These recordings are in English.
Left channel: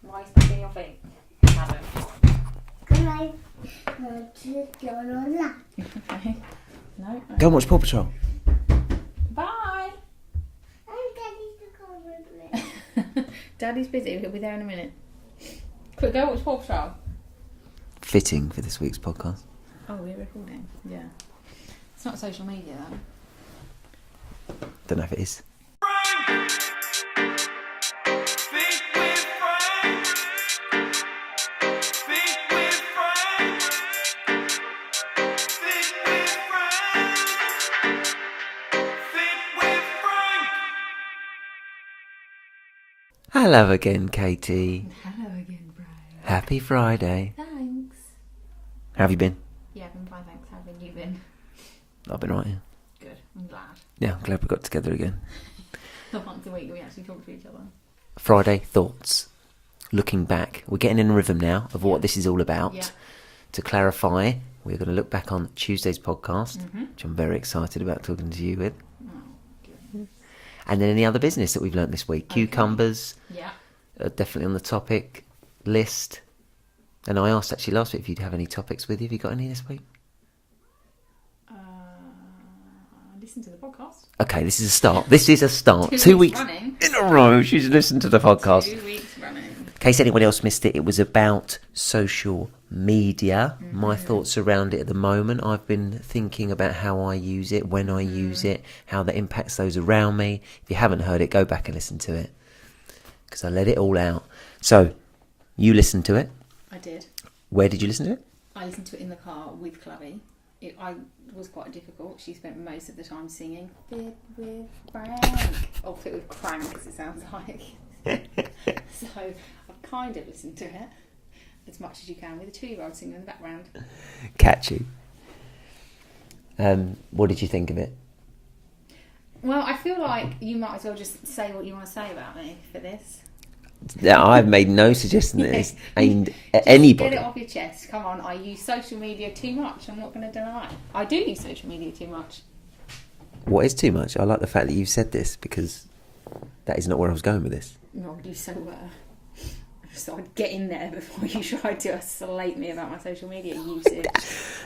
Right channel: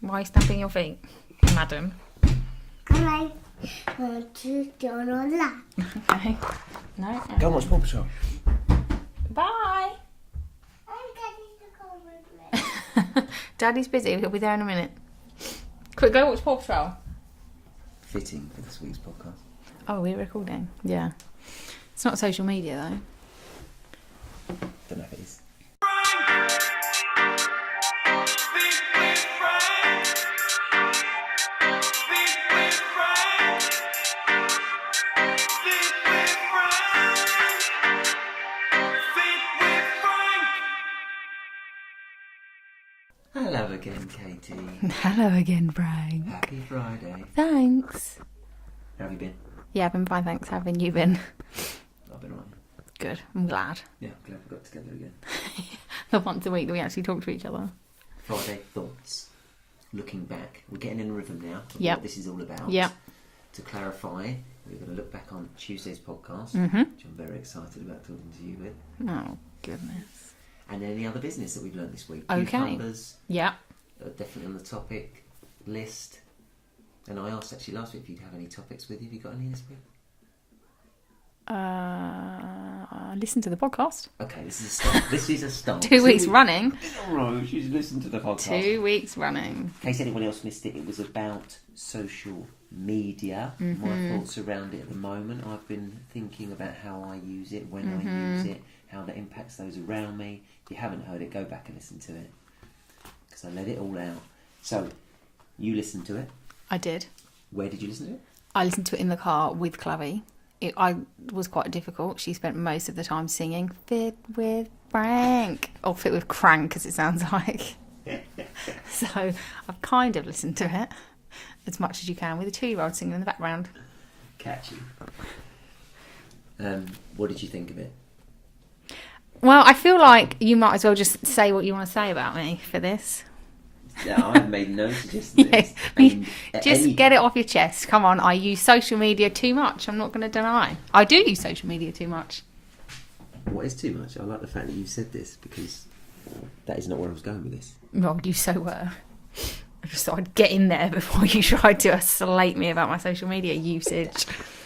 Why are you stamping your feet, madam? I want to go on that. Okay. No. Go and watch Paw Patrol. Bye. I'm getting to go with me. Daddy's busy. He'll be there in a minute. Quick, go watch Paw Patrol. Fitting for this week's podcast. Oh, we're recording. Yeah. It's not social media though. Don't know if it is. Hello again, Katie. Hello again, Brian. Happy Friday. Thanks. How have you been? Yeah, I've been fine, thanks. How have you been? I've been right, yeah. Good. I'm glad. Yeah, I'm glad we got together again. Once a week that we actually talk to each other. Friday thoughts. Looking back. We're getting in a rhythm now of Yep. what this is all about. Yeah. To clarify, we're going to look back on Tuesday's podcast, which I'm very excited about talking to you with. Oh, goodness. And then any other business that we've learnt this week. Okay. Cucumbers, Yeah. definitely on the topic list. And I asked actually last week if you'd have any topics with you. Have you got any this week? Listen to the podcast. Okay, this is a start. This is a start. 2 weeks running. in a row. She's listened to the podcast. 2 weeks running. In case anyone else missed it, it was about social media. My thoughts around it at the moment. I've been thinking about how I use it, when I use it, how that impacts those around me. If you haven't heard it, go back and listen to it, because I let it all out. So, you listened to it. I did. Where did you listen to it? I listened to it in the car with Clavy. I was quite difficult. She spent most of the time singing Fit with Frank. Or Fit with Crank, as it sounds like. So I've kind of listened to it as much as you can with a 2-year-old singing in the background. Catchy. What did you think of it? Well, I feel like you might as well just say what you want to say about me for this. Yeah, I've made no suggestion that it's aimed at Just anybody. get it off your chest. Come on, I use social media too much. I'm not going to deny. I do use social media too much. What is too much? I like the fact that you've said this, because that is not where I was going with this. Well, you so were. I just thought I'd get in there before you tried to slate me about my social media usage.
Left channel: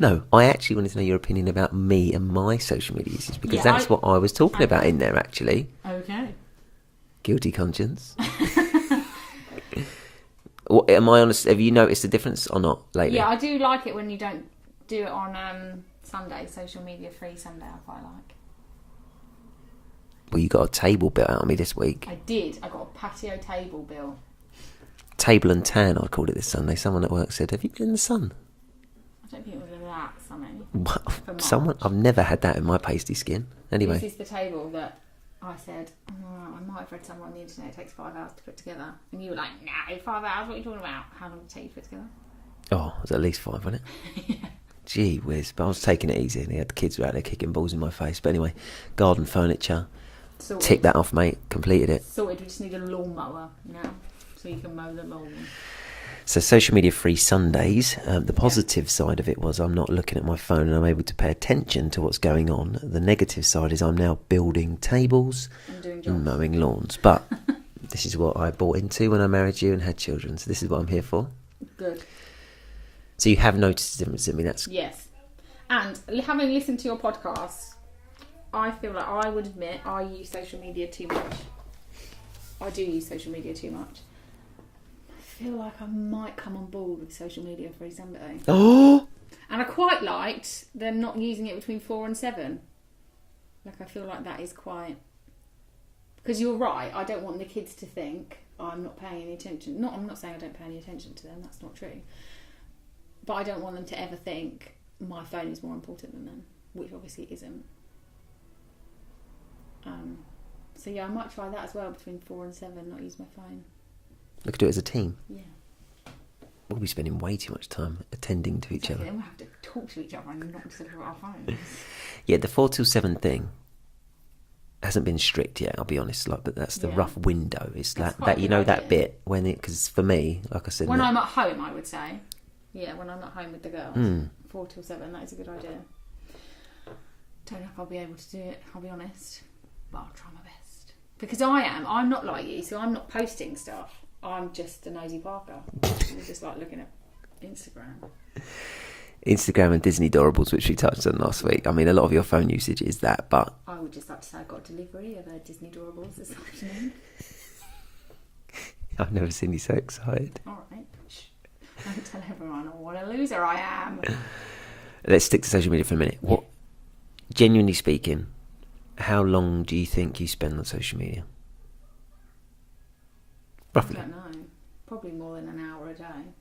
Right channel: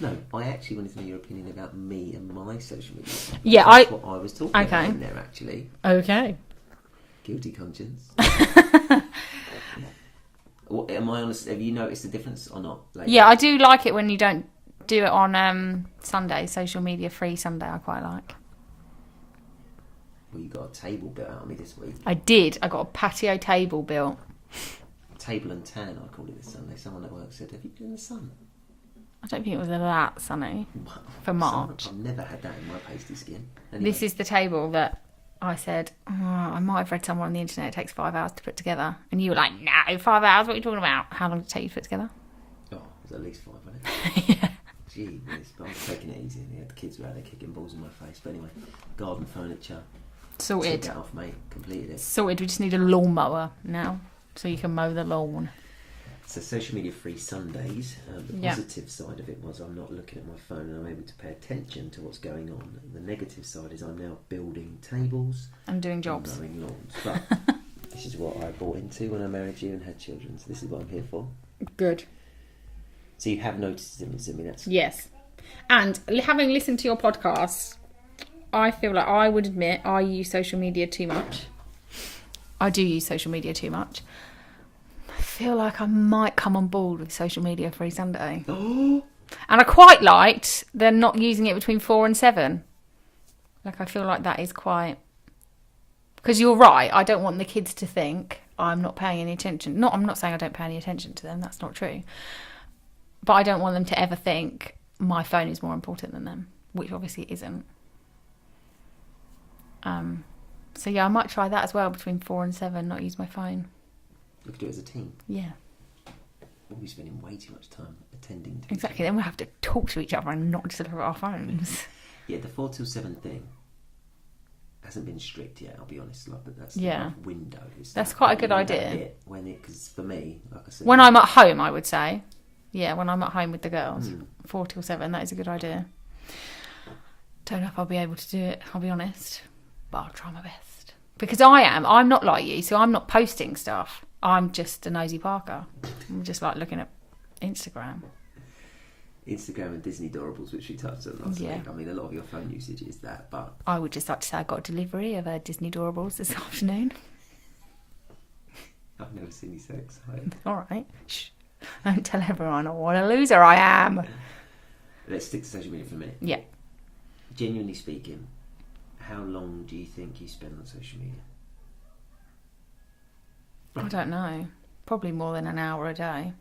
No, I actually wanted to know your opinion about me and my social media usage, because Yeah, that's what I was talking about Okay. in there, actually. Okay. Guilty conscience. Am I honest? Have you noticed a difference or not lately? Yeah, I do like it when you don't do it on Sunday, social media free Sunday. I quite like. Well, you got a table built out on me this week. I did. I got a patio table built. Table and tan, I called it this Sunday. Someone at work said, "Have you been in the sun?" I don't think it was that sunny. For March. I've never had that in my pasty skin. Anyway, This is the table that I said, I might have read somewhere on the internet, it takes 5 hours to put together. And you were like, no, 5 hours? What are you talking about? How long did it take you to put together? oh, it was at least 5, wasn't it? Yeah. Gee whiz, but I was taking it easy, and the kids were out there kicking balls in my face. But anyway, garden furniture, Sorted. tick that off, mate. Completed it. Sorted. We just need a lawnmower now, so you can mow the lawn. So social media free Sundays. The positive side of it was I'm not looking at my phone and I'm able to pay attention to what's going on. The negative side is I'm now building tables And doing and jobs. mowing lawns. But this is what I bought into when I married you and had children. So this is what I'm here for. Good. So you have noticed the difference in me. That's Yes. And having listened to your podcast, I feel like I would admit I use social media too much. I do use social media too much. I feel like I might come on board with social media free Sunday. oh, And I quite liked they're not using it between 4 and 7. Like, I feel like that is quite... Because you're right, I don't want the kids to think I'm not paying any attention. I'm not saying I don't pay any attention to them, that's not true. But I don't want them to ever think my phone is more important than them, which obviously it isn't. So yeah, I might try that as well, between 4 and 7, not use my phone. we could do it as a team. Yeah. We'll be spending way too much time attending to Exactly, each other. then we'll have to talk to each other and not just look at our phones. Yeah, the 4 till 7 thing hasn't been strict yet, I'll be honest. Like, but that's the Yeah. rough window. It's That's that, quite a that, good you know, idea. that bit when it, because for me, like I said, When I'm at home, I would say. Yeah, when I'm at home with the girls. 4 till 7, that is a good idea. Don't know if I'll be able to do it, I'll be honest. But I'll try my best. Because I'm not like you, so I'm not posting stuff. I'm just a nosy Parker. I'm just like looking at Instagram. Instagram and Disney Doorables, which we touched on last week. I mean, a lot of your phone usage is that, but I would just like to say I got a delivery of Disney Doorables this afternoon. I've never seen you so excited. All right. Shh. Don't tell everyone what a loser I am. Let's stick to social media for a minute. Yeah. Genuinely speaking, how long do you think you spend on social media? Roughly. I don't know. Probably more than an hour a day.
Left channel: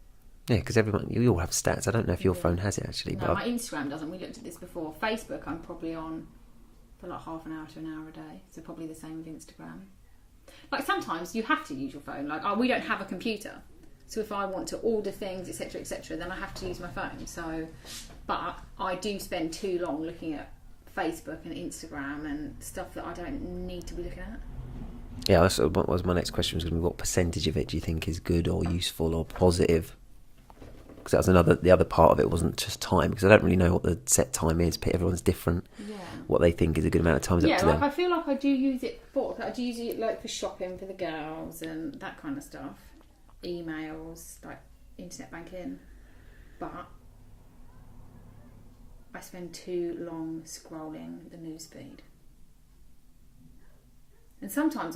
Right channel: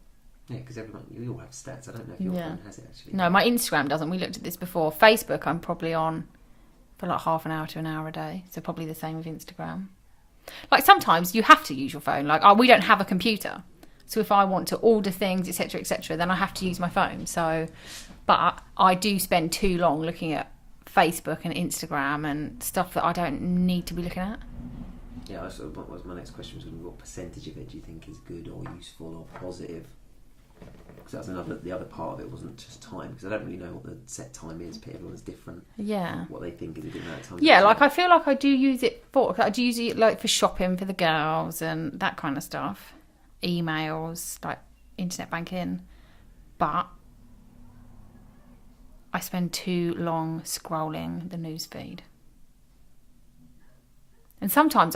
Yeah, because you all have stats. I don't know if your phone has it actually. No, but my Instagram doesn't. We looked at this before. Facebook, I'm probably on for like half an hour to an hour a day. So probably the same with Instagram. Like sometimes you have to use your phone. Like we don't have a computer. So if I want to order things, etc., then I have to use my phone. So, but I do spend too long looking at Facebook and Instagram and stuff that I don't need to be looking at. Yeah, that's what was my next question was going to be, what percentage of it do you think is good or useful or positive? Because that was the other part of it wasn't just time, because I don't really know what the set time is. Everyone's different. Yeah. What they think is a good amount of time. Yeah, like I feel like I do use it like for shopping for the girls and that kind of stuff. Emails, like internet banking. But I spend too long scrolling the news feed. And sometimes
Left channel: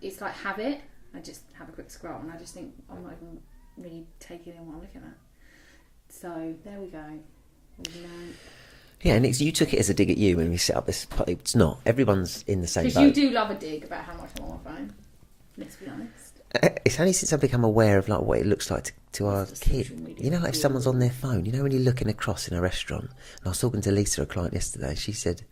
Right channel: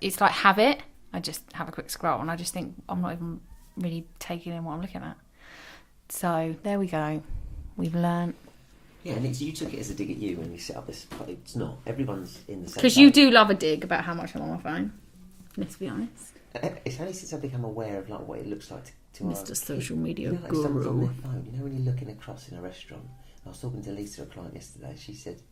it's like habit. I just have a quick scroll and I just think I'm not even really taking in what I'm looking at. So there we go. We've learned. Yeah, and you took it as a dig at you when we set up this. It's not. Everyone's in the same boat. Because you do love a dig about how much I'm on my phone. Let's be honest. It's only since I've become aware of like what it looks like to our kids. Social media. You know, like if someone's on their phone. You know, when you're looking across in a restaurant. And I was talking to Lisa, a client yesterday. She said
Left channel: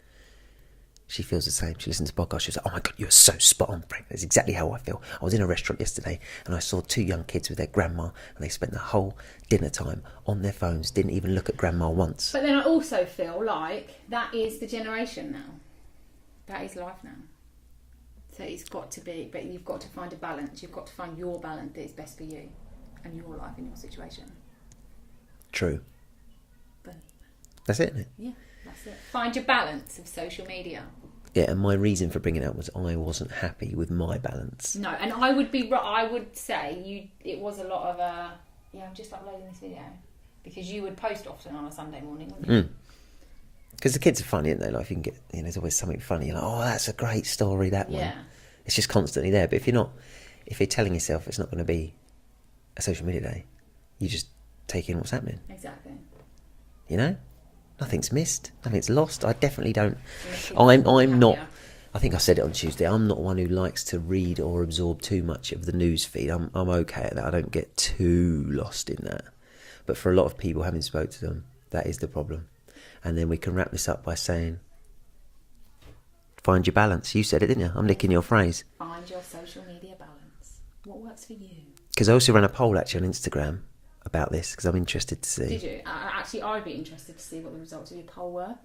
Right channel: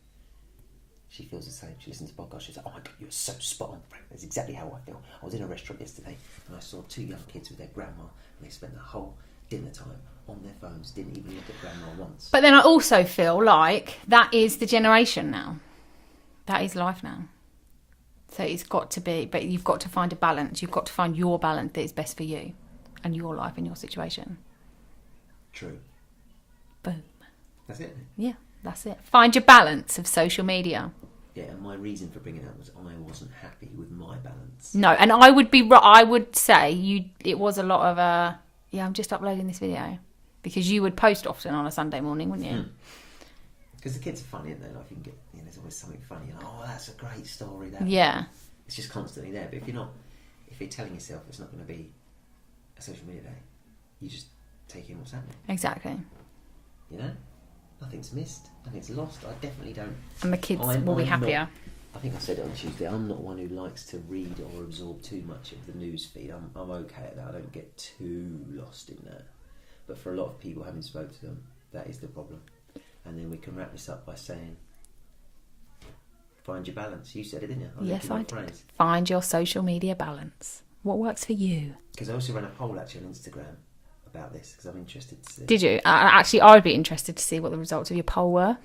she feels the same. She listens to podcasts. She was like, "Oh my god, you're so spot on, Frank. That's exactly how I feel." I was in a restaurant yesterday and I saw two young kids with their grandma, and they spent the whole dinner time on their phones. Didn't even look at grandma once. But then I also feel like that is the generation now. That is life now. So it's got to be, but you've got to find a balance. You've got to find your balance that is best for you and your life and your situation. True. Boom. That's it, isn't it? Yeah, that's it. Find your balance of social media. Yeah, and my reason for bringing it up was I wasn't happy with my balance. No, and I would say it was a lot of I'm just uploading this video, because you would post often on a Sunday morning, wouldn't you? Because the kids are funny, aren't they? Like, you can get, there's always something funny. You're like, oh, that's a great story. That Yeah. one. It's just constantly there. But if you're telling yourself it's not going to be a social media day, you just take in what's happening. Exactly. You know, nothing's missed, nothing's lost. I definitely don't. And the kids I'm will be not. happier. I think I said it on Tuesday. I'm not one who likes to read or absorb too much of the news feed. I'm okay at that. I don't get too lost in that. But for a lot of people, having spoke to them, that is the problem. And then we can wrap this up by saying, find your balance. You said it, didn't you? I'm nicking your phrase. Find your social media balance. What works for you? Because I also ran a poll actually on Instagram about this, because I'm interested to see. Did you? Actually, I would be interested to see what the results of your poll were.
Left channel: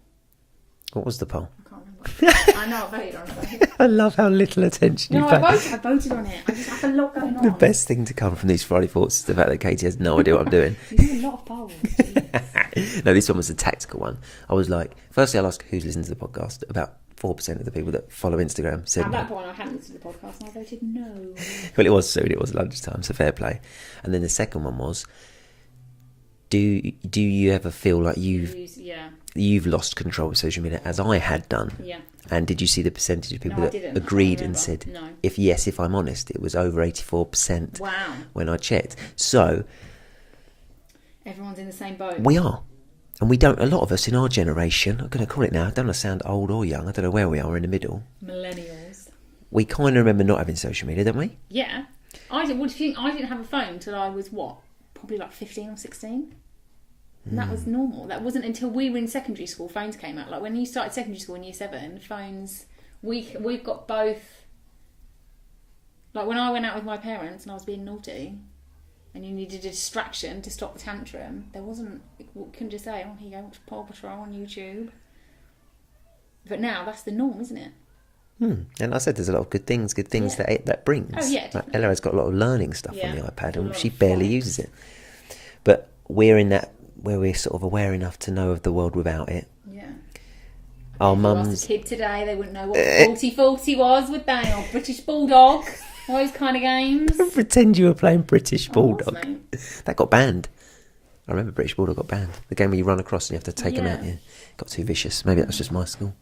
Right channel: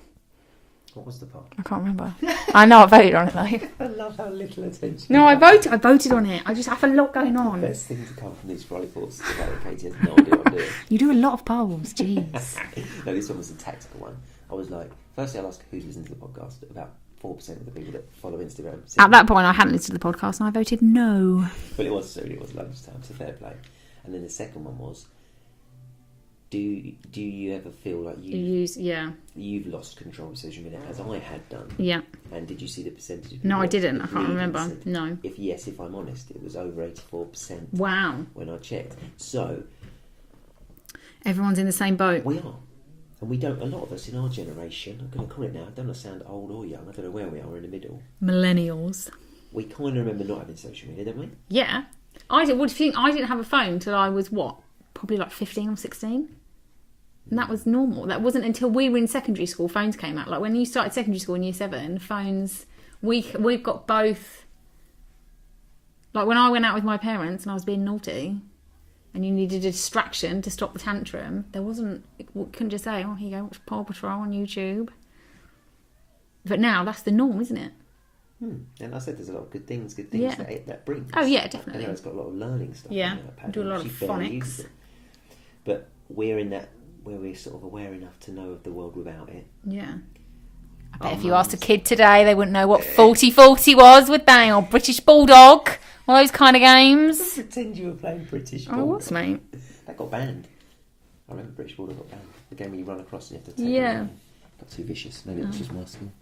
What was the poll? I can't remember. I know I voted on it though. I love how little attention No, I voted on it. I just have a lot going on. The best thing to come from these Friday Thoughts is the fact that Katie has no idea what I'm doing. You do a lot of polls, jeez. No, this one was a tactical one. I was like, firstly, I'll ask who's listening to the podcast. About 4% of the people that follow Instagram said At that point, I hadn't listened to the podcast and I voted no. Well, it was soon. It was lunchtime, so fair play. And then the second one was, do you ever feel like you've lost control of social media, as I had done? Yeah. And did you see the percentage of people No, I that didn't. agreed and said, no? If I'm honest, it was over 84%. Wow. When I checked. So everyone's in the same boat. We are. And we don't, a lot of us in our generation, I'm going to call it now, I don't want to sound old or young, I don't know where we are in the middle. Millennials. We kind of remember not having social media, don't we? Yeah. What do you think? I didn't have a phone till I was probably like 15 or 16. And that was normal. That wasn't until we were in secondary school phones came out. Like when you started secondary school in year 7, phones, we've got both. Like when I went out with my parents and I was being naughty and you needed a distraction to stop the tantrum, couldn't just say, oh, here you go, watch Paw Patrol on YouTube. But now that's the norm, isn't it? And I said there's a lot of good things that brings. Oh, yeah, definitely. Ella has got a lot of learning stuff Yeah. on the iPad, Do a lot and she of barely phonics. uses it. But we're in that where we're sort of aware enough to know of the world without it. Yeah. Our If you asked mums, a kid today, they wouldn't know what 40-40 was, would they? Or British Bulldog. All those kind of games. Pretend you were playing British Oh, what's, Bulldog. mate? That got banned. I remember British Bulldog got banned. The game where you run across and you have to take them out. Yeah. Yeah. Got too vicious. Maybe that was just my school.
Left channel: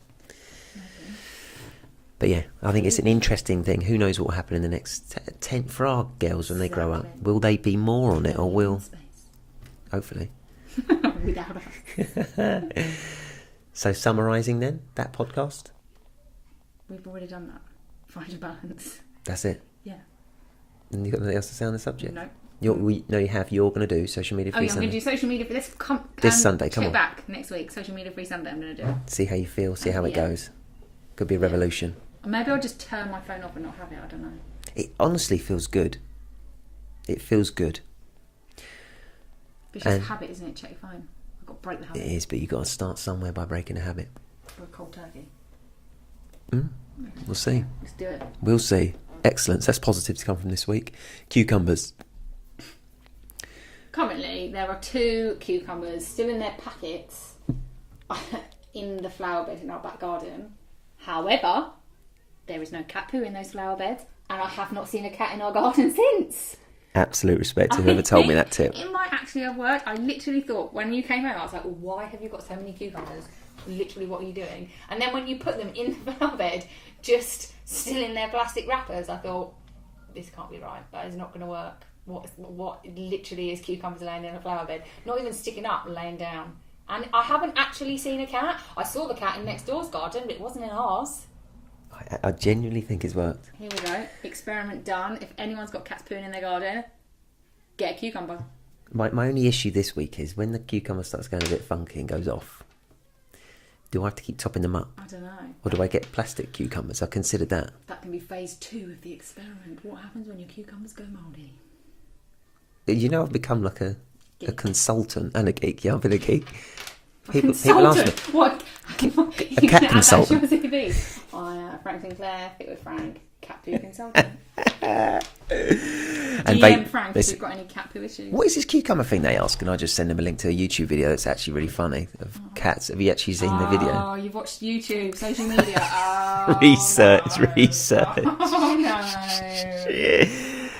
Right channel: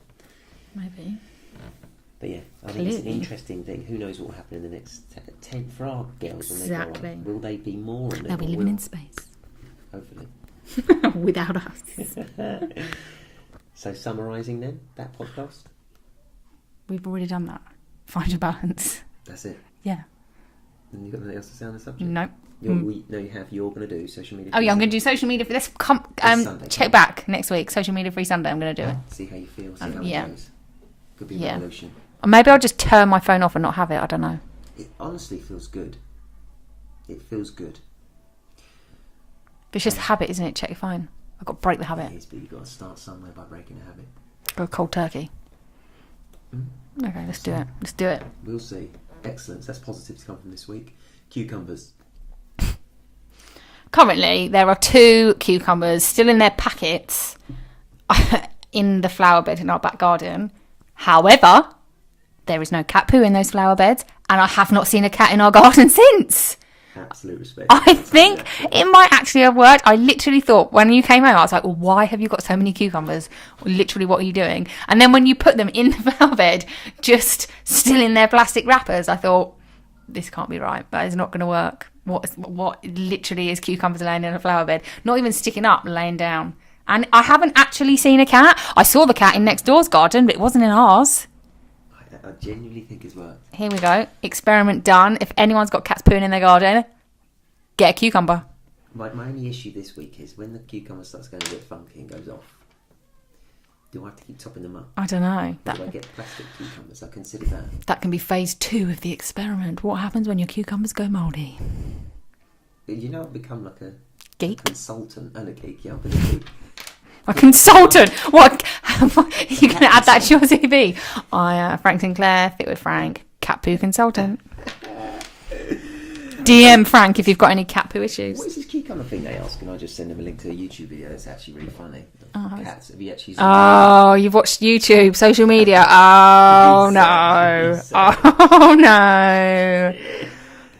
But yeah, I think it's an interesting thing. Who knows what will happen in the next 10 for our girls when they grow up? Exactly. Will they be more on it, They'll or be will in space. hopefully? Without us. So summarising then that podcast. We've already done that. Find your balance. That's it. Yeah. And you got nothing else to say on the subject? No. You have. You're going to do social media. Oh free yeah, I'm going Sunday. to do social media for this. This Sunday, come Check on. back next week. Social media free Sunday. I'm going to do it. See how you feel. See how it Yeah. goes. Could be a Yeah. revolution. Or maybe I'll just turn my phone off and not have it. I don't know. It honestly feels good. It feels good. But it's just a And- habit, isn't it? Check your phone. I've got to break the habit. It is, but you've got to start somewhere by breaking a habit. Go cold turkey. Mm? Okay, let's see. do it. Let's do it. We'll see. Excellent. That's positive to come from this week. Cucumbers. Currently, there are 2 cucumbers still in their packets in the flower bed in our back garden. However, there is no cat poo in those flower beds, and I have not seen a cat in our garden since. Absolute respect. You I never told me think that tip. it might actually have worked. I literally thought when you came home, I was like, well, why have you got so many cucumbers? Literally, what are you doing? And then when you put them in the flower bed, just still in their plastic wrappers, I thought, this can't be right. That is not going to work. What literally is cucumbers laying in a flower bed? Not even sticking up, laying down. And I haven't actually seen a cat. I saw the cat in next door's garden, but it wasn't in ours. I genuinely think it's worked. Here we go. Experiment done. If anyone's got cats pooing in their garden, get a cucumber. My only issue this week is when the cucumber starts going a bit funky and goes off, do I have to keep topping them up? I don't know. Or do I get plastic cucumbers? I considered that. That can be phase 2 of the experiment. What happens when your cucumbers go mouldy? You know, I've become like a Geek? consultant and a geek. Yeah, I've been a geek. A People consultant? love What? You're going cat to add that to your CV? Frank Sinclair, Fit with Frank, cat poo consultant. DM Frank if you've got any cat poo issues. What is this cucumber thing they ask? And I just send them a link to a YouTube video that's actually really funny of cats. Have you actually seen the Oh, you've watched YouTube, social media. Oh, no. Research. Oh, no.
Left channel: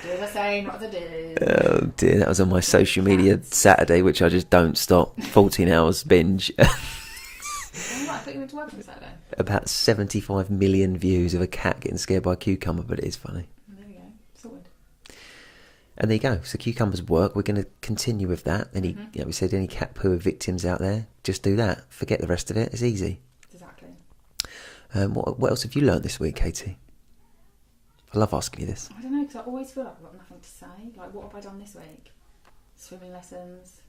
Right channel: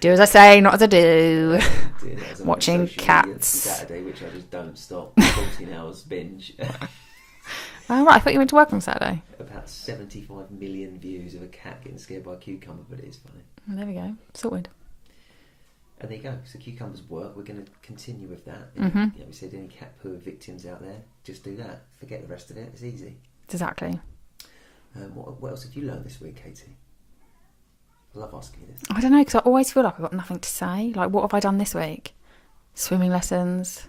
Do as I say, not as I do. video? Oh dear, that was on my Watching social media cats. Saturday, which I just don't stop. 14 hours binge. Oh, right, I thought you went to work on Saturday. About 75 million views of a cat getting scared by a cucumber, but it is funny. Well, there we go. Sorted. And there you go. So cucumbers work. We're going to continue with that. And we said any cat poo victims out there, just do that. Forget the rest of it. It's easy. Exactly. What else have you learned this week, Katie? I love asking you this. I don't know, because I always feel like I've got nothing to say. Like, what have I done this week? Swimming lessons.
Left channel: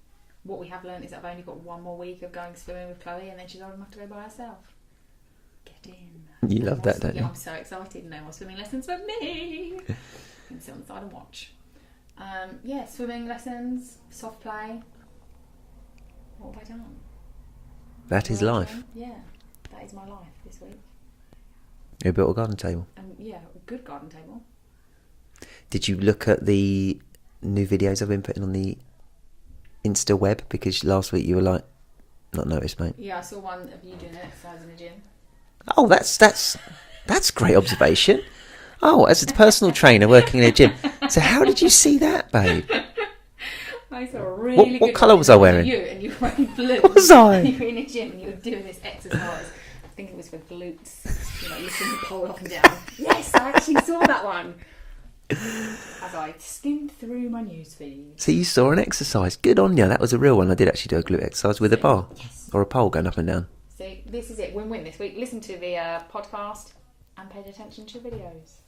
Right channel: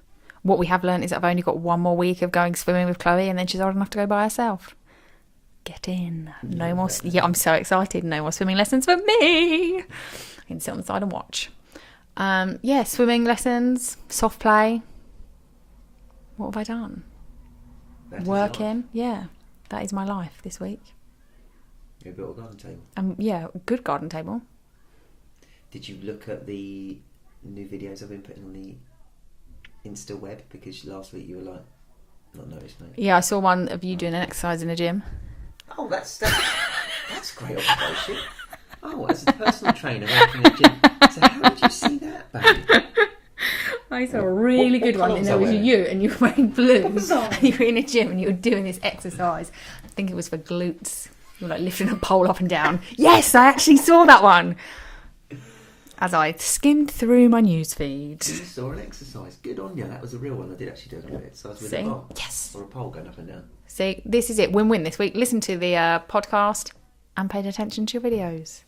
What we have learned is that I've only got 1 more week of going swimming with Chloe, and then she's old enough to go by herself. Get in. You no love more. that, don't Yeah, you? I'm so excited. No more swimming lessons for me. I can sit on the side and watch. Yeah, swimming lessons, soft play. What have I done? That is Working. life. Yeah, that is my life this week. You built a garden table. Yeah, good garden table. Did you look at the new videos I've been putting on the Insta web? Because last week you were like, not noticed, mate. Yeah, I saw one of you doing an exercise in a gym. Oh, that's great observation. Oh, as a personal trainer working in a gym. So how did you see that, babe? I saw a really What good colour one, was and I it wearing? You and you were wearing blue. Was I? And you were in a gym and you were doing this exercise. I think it was for glutes. You're like lifting a pole up and down. Yes, I actually saw that one. As I skimmed through my news feed. So you saw an exercise. Good on you. That was a real one. I did actually do a glute exercise with a See? bar. Yes. Or a pole going up and down. See, this is it. Win-win this week. Listen to the podcast and paid attention to your videos.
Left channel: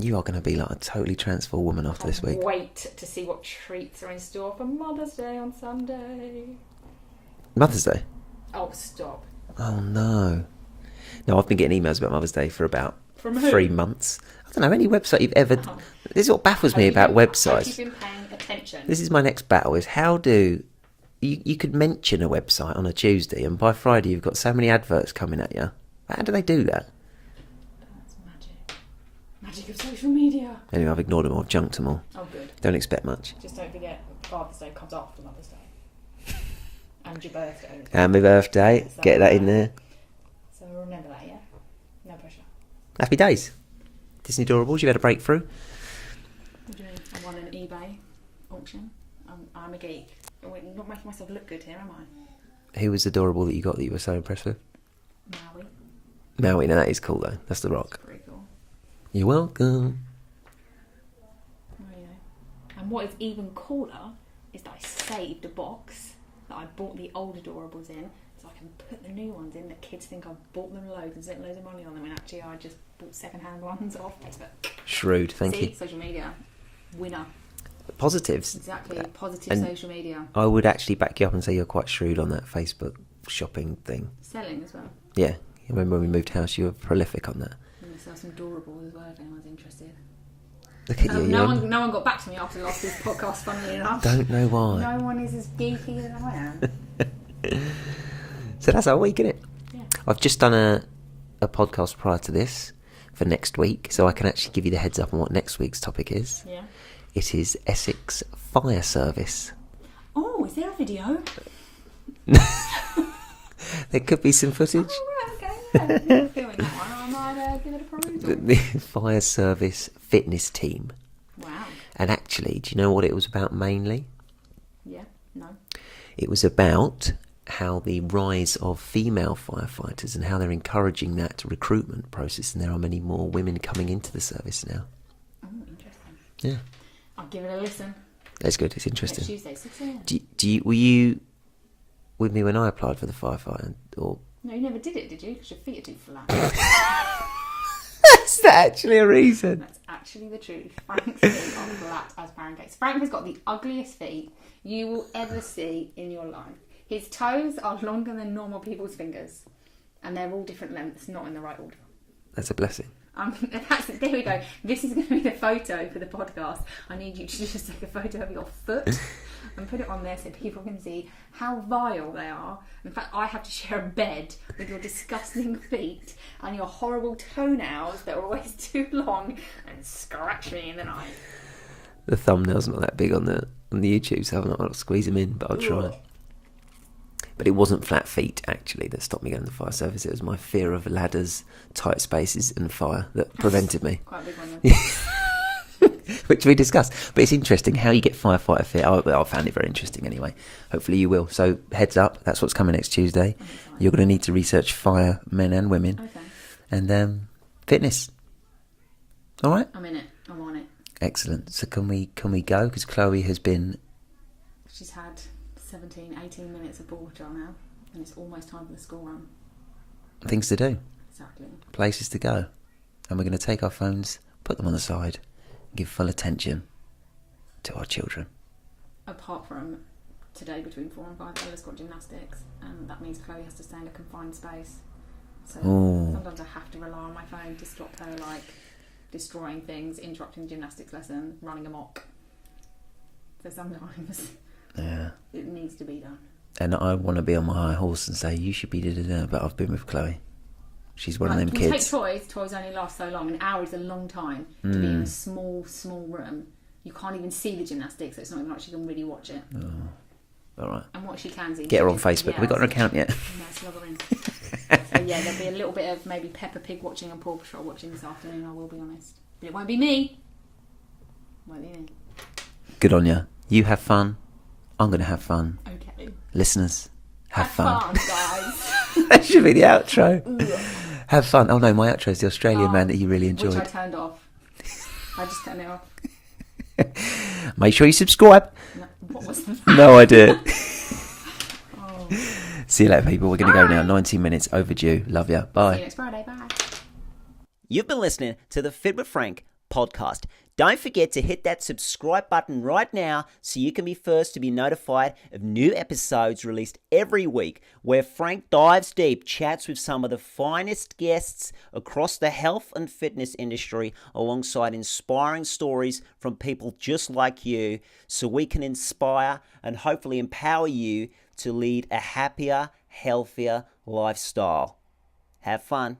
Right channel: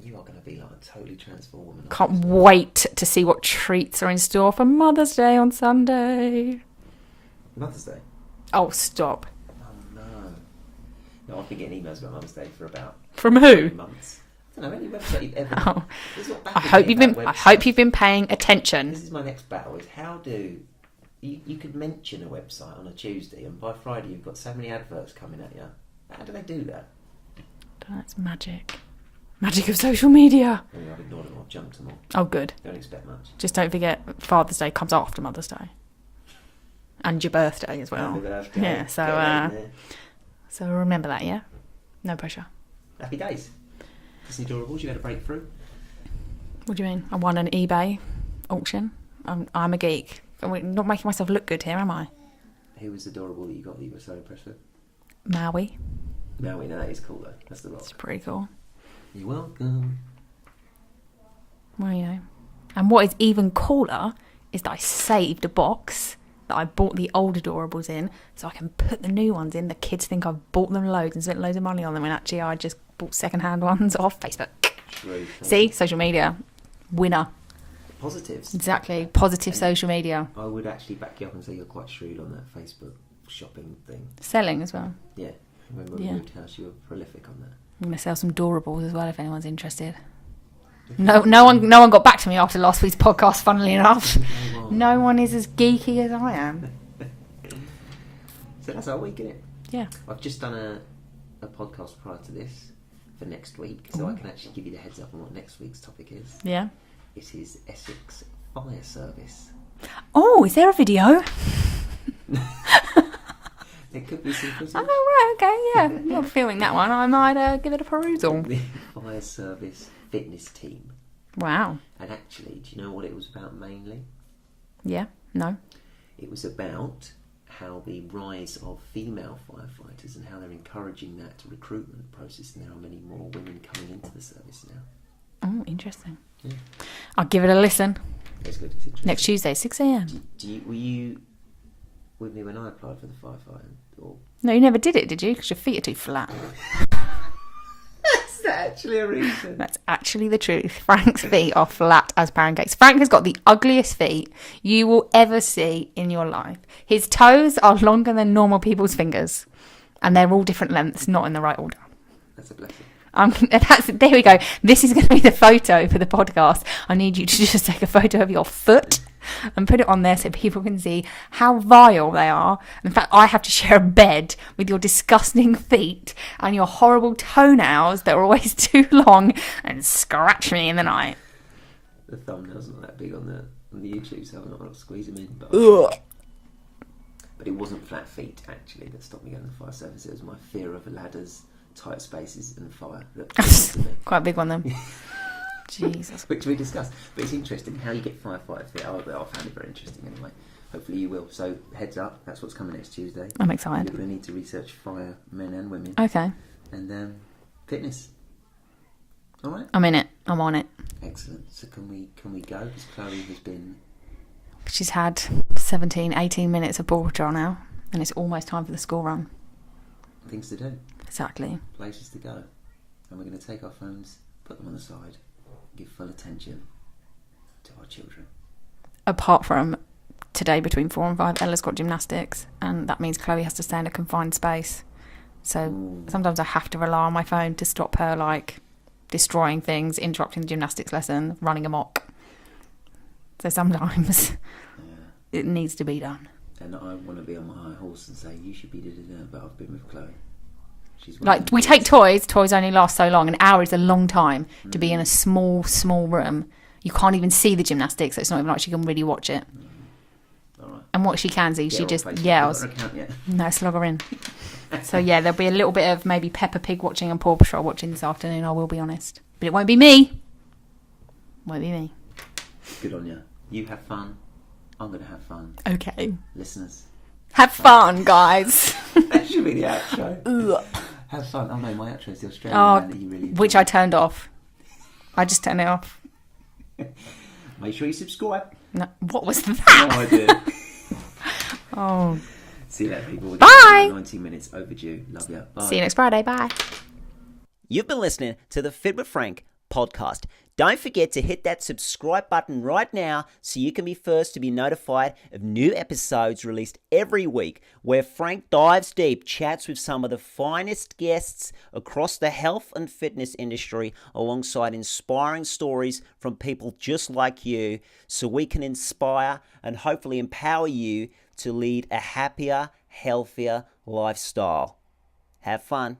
You are going to be like a totally transformed woman after Can't this week. wait to see what treats are in store for Mother's Day on Sunday. Mother's Day? Oh, stop. Oh, no. No, I've been getting emails about Mother's Day for about From who? 3 months. I don't know, any website you've ever... Oh. This is what I baffles hope, me you've about been, websites. I hope you've been paying attention. This is my next battle, is how do... You could mention a website on a Tuesday and by Friday you've got so many adverts coming at you. How do they do that? That's magic. Magic of social media. Anyway, I've ignored them all, I've junked them all. Oh, good. Don't expect much. Just don't forget Father's Day comes after Mother's Day. And your birthday as well. And my birthday, Yeah, so, get that in there. So remember that, yeah? No pressure. Happy days. Disney Adorables, you've had a breakthrough. What do you mean? I won an eBay auction. I'm a geek. I'm not making myself look good here, am I? Who was adorable that you got that you were so impressed with? Maui. Maui, no, that is cool though. That's the It's rock. pretty cool. You're welcome. Well, you know. And what is even cooler is that I saved a box that I bought the old adorables in, so I can put the new ones in. The kids think I've bought them loads and spent loads of money on them, when actually I just bought second-hand ones off Facebook. Shrewd, thank See, you. social media, winner. Positives. Exactly, positive And social media. I would actually back you up and say you're quite shrewd on that Facebook shopping thing. Selling as well. Yeah. I remember when we Yeah. moved house, you were prolific on that. I'm gonna sell some adorables as well if anyone's interested. Look at No, you, no one got back to me after last week's podcast. Funnily enough, Don't know why. no one is as geeky as I am. So that's our week, isn't it? Yeah. I've just done a podcast prior to this for next week, so I can actually give you the heads up on what next week's topic is. Yeah. It is Essex Fire Service. Oh, is there a video? There could be some footage. Oh, right, okay, yeah. You're filming that one. I might give it a perusal. The Fire Service fitness team. Wow. And actually, do you know what it was about mainly? Yeah. No. It was about how the rise of female firefighters and how they're encouraging that recruitment process, and there are many more women coming into the service now. Oh, interesting. Yeah, I'll give it a listen. that's good. It's interesting. Next Tuesday, 6 a.m. Were you with me when I applied for the firefighter? Or No, you never did it, did you? Because your feet are too flat. is that actually a reason? That's actually the truth. Frank's feet are flat as pancakes. Frank has got the ugliest feet you will ever see in your life. His toes are longer than normal people's fingers, and they're all different lengths, not in the right order. That's a blessing. There we go. This is going to be the photo for the podcast. I need you to just take a photo of your foot and put it on there so people can see how vile they are. In fact, I have to share a bed with your disgusting feet and your horrible toenails that are always too long and scratch me in the night. The thumbnail's not that big on the YouTube, so I'm not going to squeeze them in, but I'll try. But it wasn't flat feet, actually, that stopped me going to the fire service. It was my fear of ladders, tight spaces and fire that prevented me. Quite a big one then. Jesus. Which we discussed. But it's interesting how you get firefighter fit. I found it very interesting anyway. Hopefully you will. So heads up, that's what's coming next Tuesday. I'm excited. You're going to need to research fire, men and women. Okay. And fitness. All right? I'm in it. I'm on it. Excellent. So can we go? Because Chloe has been... She's had 17, 18 minutes of ball patrol now, and it's almost time for the school run. things to do. Exactly. Places to go. And we're going to take our phones, put them on the side, give full attention to our children. Apart from today between 4 and 5, Ella's got gymnastics, and that means Chloe has to stay in a confined space. So Ooh. sometimes I have to rely on my phone to stop her, like, destroying things, interrupting the gymnastics lesson, running amok. So sometimes it needs to be done. And I want to be on my high horse and say, you should be da-da-da, but I've been with Chloe. She's one of Like, them we kids. take toys only last so long. An hour is a long time to be in a small room. You can't even see the gymnastics, so it's not even like she can really watch it. All right. And what she can see, Get she her on just Facebook. yells. We've got her account yet. No, let's log her in. So yeah, there'll be a little bit of maybe Peppa Pig watching and Paw Patrol watching this afternoon, I will be honest. But it won't be me. Won't be me. Good on you. You have fun. I'm going to have fun. Okay. Listeners, Have fun, guys. That should be the outro. Have fun. Oh no, my outro is the Australian man that you really enjoyed. Which I turned off. I just turned it off. Make sure you subscribe. No, what was that? No idea. Oh. See you later, people. We're going to go Bye. now. 19 minutes overdue. Love ya. Bye. See you next Friday. Bye. You've been listening to the Fit with Frank podcast. Don't forget to hit that subscribe button right now so you can be first to be notified of new episodes released every week, where Frank dives deep, chats with some of the finest guests across the health and fitness industry, alongside inspiring stories from people just like you, so we can inspire and hopefully empower you to lead a happier, healthier lifestyle. Have fun.